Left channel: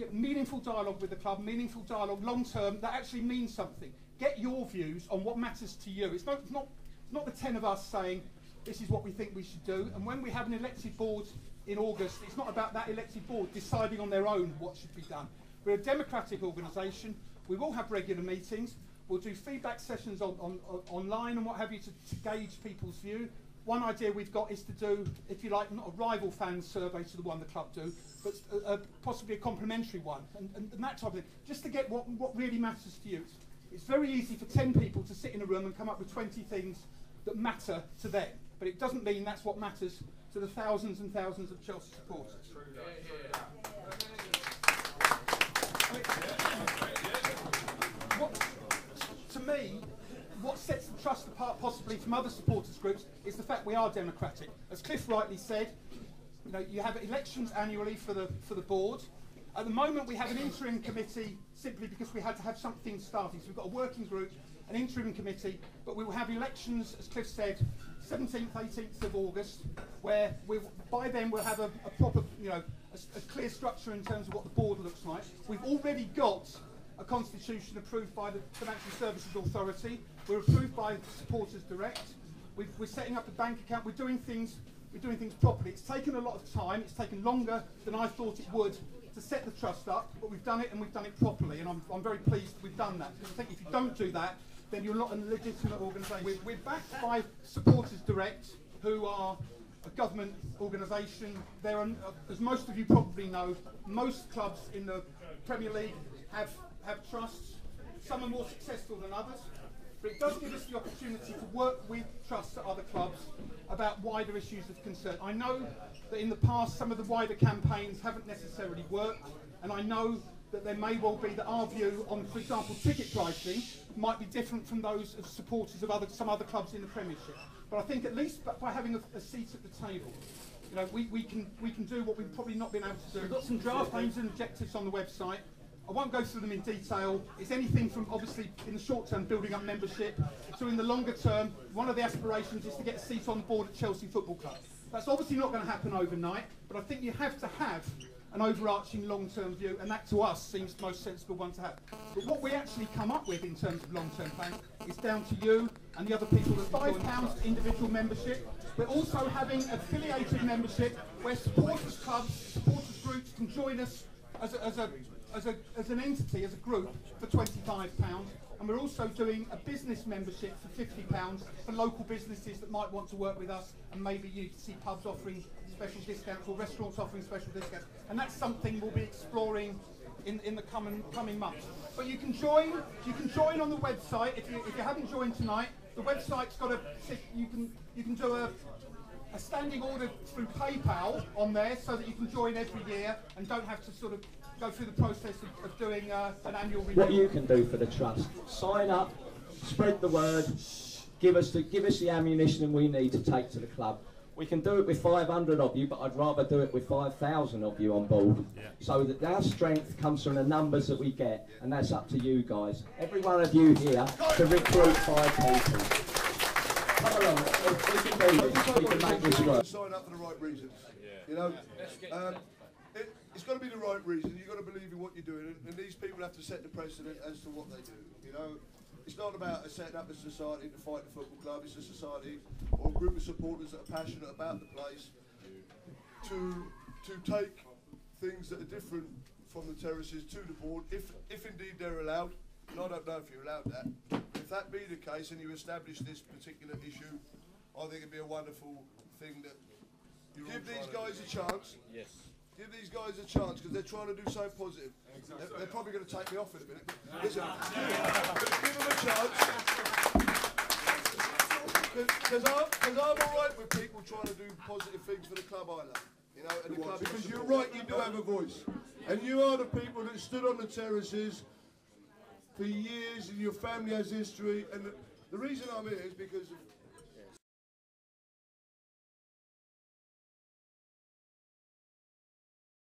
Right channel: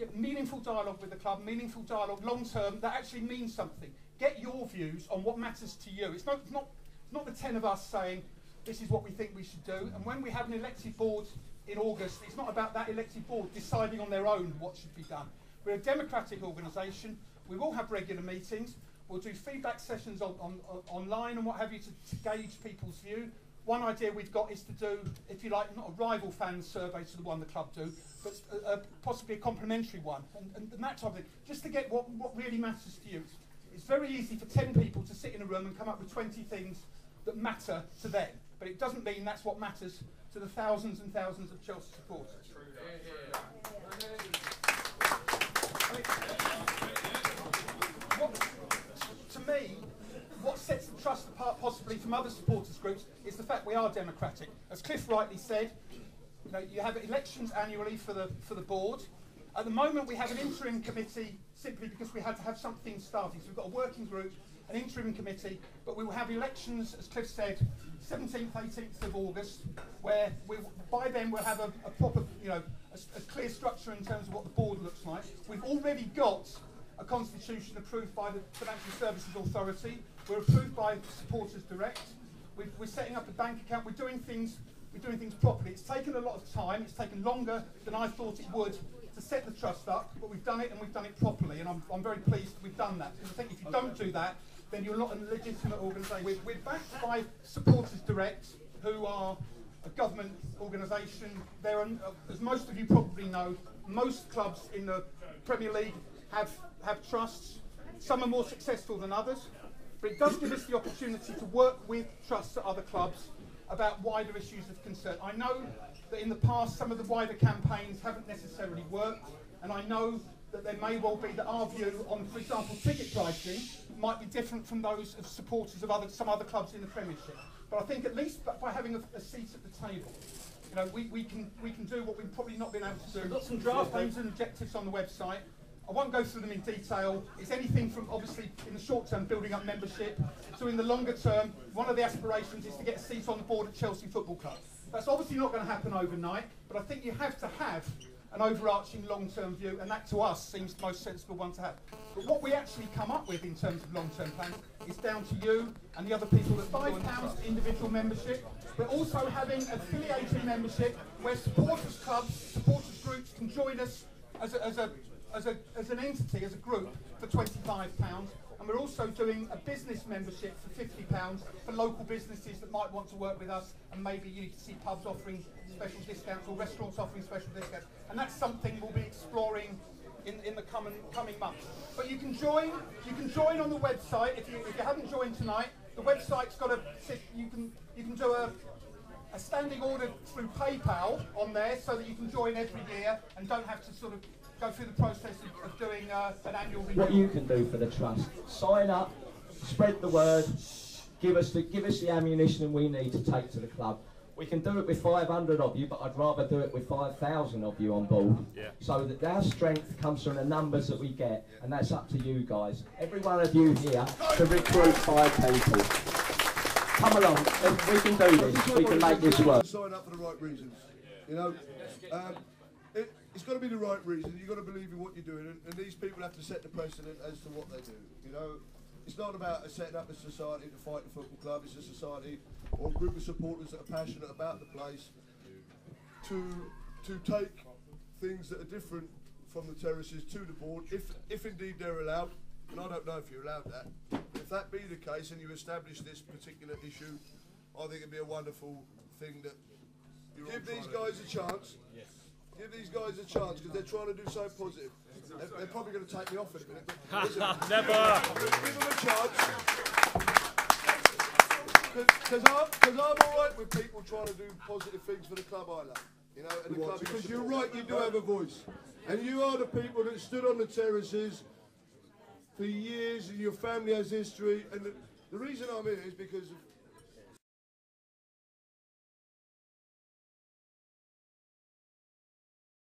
get meaningful dialogue with the club, meaningful dialogue long term that actually means something. Get your views on what matters to you. It's not the 10 of us saying this is what we think we should do. And when we have an elected board in August, it's not about that elected board deciding on their own what should be done. We're a democratic organisation. We will have regular meetings. We'll do feedback sessions online and what have you to gauge people's view. One idea we've got is to do, if you like, not a rival fan survey to the one the club do, but possibly a complementary one, and that type of thing, just to get what really matters to you. It's very easy for 10 people to sit in a room and come up with 20 things that matter to them, but it doesn't mean that's what matters to the thousands and thousands of Chelsea supporters. I mean, to me, what sets the trust apart possibly from other supporters groups is the fact we are democratic. As Cliff rightly said, you know, you have elections annually for the board. At the moment we have an interim committee simply because we had to have something starting. So we've got a working group, an interim committee, but we will have elections, as Cliff said, 17th, 18th of August, where by then we'll have a proper, you know, a clear structure in terms of what the board looks like. We've already got a constitution approved by the Financial Services Authority. We're approved by Supporters Direct. We're setting up a bank account. We're doing things properly. It's taken a lot of time. It's taken longer than I thought it would to set the trust up, but we've done it and we've done it properly. And I'm very pleased that we've done that. Because I think if you don't do that, then you're not a legitimate organisation. We're backed by Supporters Direct, who are a government organisation. There are, as most of you probably know, most clubs in the Premier League have trusts. Some are more successful than others, but it does give us the opportunity to work with trusts at other clubs about wider issues of concern. I know that in the past some of the wider campaigns haven't necessarily worked, and I know that there may well be that our view on, for example, ticket pricing might be different from those of supporters of some other clubs in the Premiership. But I think at least by having a seat at the table, you know, we can do what we've probably not been able to do. We've got some draft aims and objectives on the website. I won't go through them in detail. It's anything from, obviously, in the short term, building up membership, to in the longer term, one of the aspirations is to get a seat on the board at Chelsea Football Club. That's obviously not going to happen overnight, but I think you have to have an overarching long-term view, and that to us seems the most sensible one to have. But what we actually come up with in terms of long-term plans is down to you and the other people that £5 individual membership. We're also having affiliated membership where supporters clubs, supporters groups can join us as an entity, as a group, for £25. And we're also doing a business membership for £50 for local businesses that might want to work with us, and maybe you see pubs offering special discounts or restaurants offering special discounts. And that's something we'll be exploring in the coming months. But you can join on the website. If you haven't joined tonight, the website's got you can do a standing order through PayPal on there, so that you can join every year and don't have to sort of go through the process of doing an annual renewal. What you can do for the trust: sign up, spread the word, give us the ammunition we need to take to the club. We can do it with 500 of you, but I'd rather do it with 5,000 of you on board. Yeah. So that our strength comes from the numbers that we get, and that's up to you guys. Every one of you here to recruit 5 people. Come along, we can do this. We can make this work. Sign up for the right reasons. You know, it's got to be the right reason. You've got to believe in what you're doing, and these people have to set the precedent as to what they do. You know, it's not about setting up a society to fight the football club. It's a society or a group of supporters that are passionate about the place to take things that are different from the terraces to the board, if indeed they're allowed. And I don't know if you're allowed that. If that be the case and you establish this particular issue, I think it'd be a wonderful thing that give these guys a chance. Yes. Give these guys a chance, because they're trying to do something positive. They're probably going to take me off in a minute. Listen, give them a chance. Because I'm all right with people trying to do positive things for the club I love. You know, and the club, because you're right, you do have a voice. And you are the people that stood on the terraces for years, and your family has history. And the reason I'm here is because of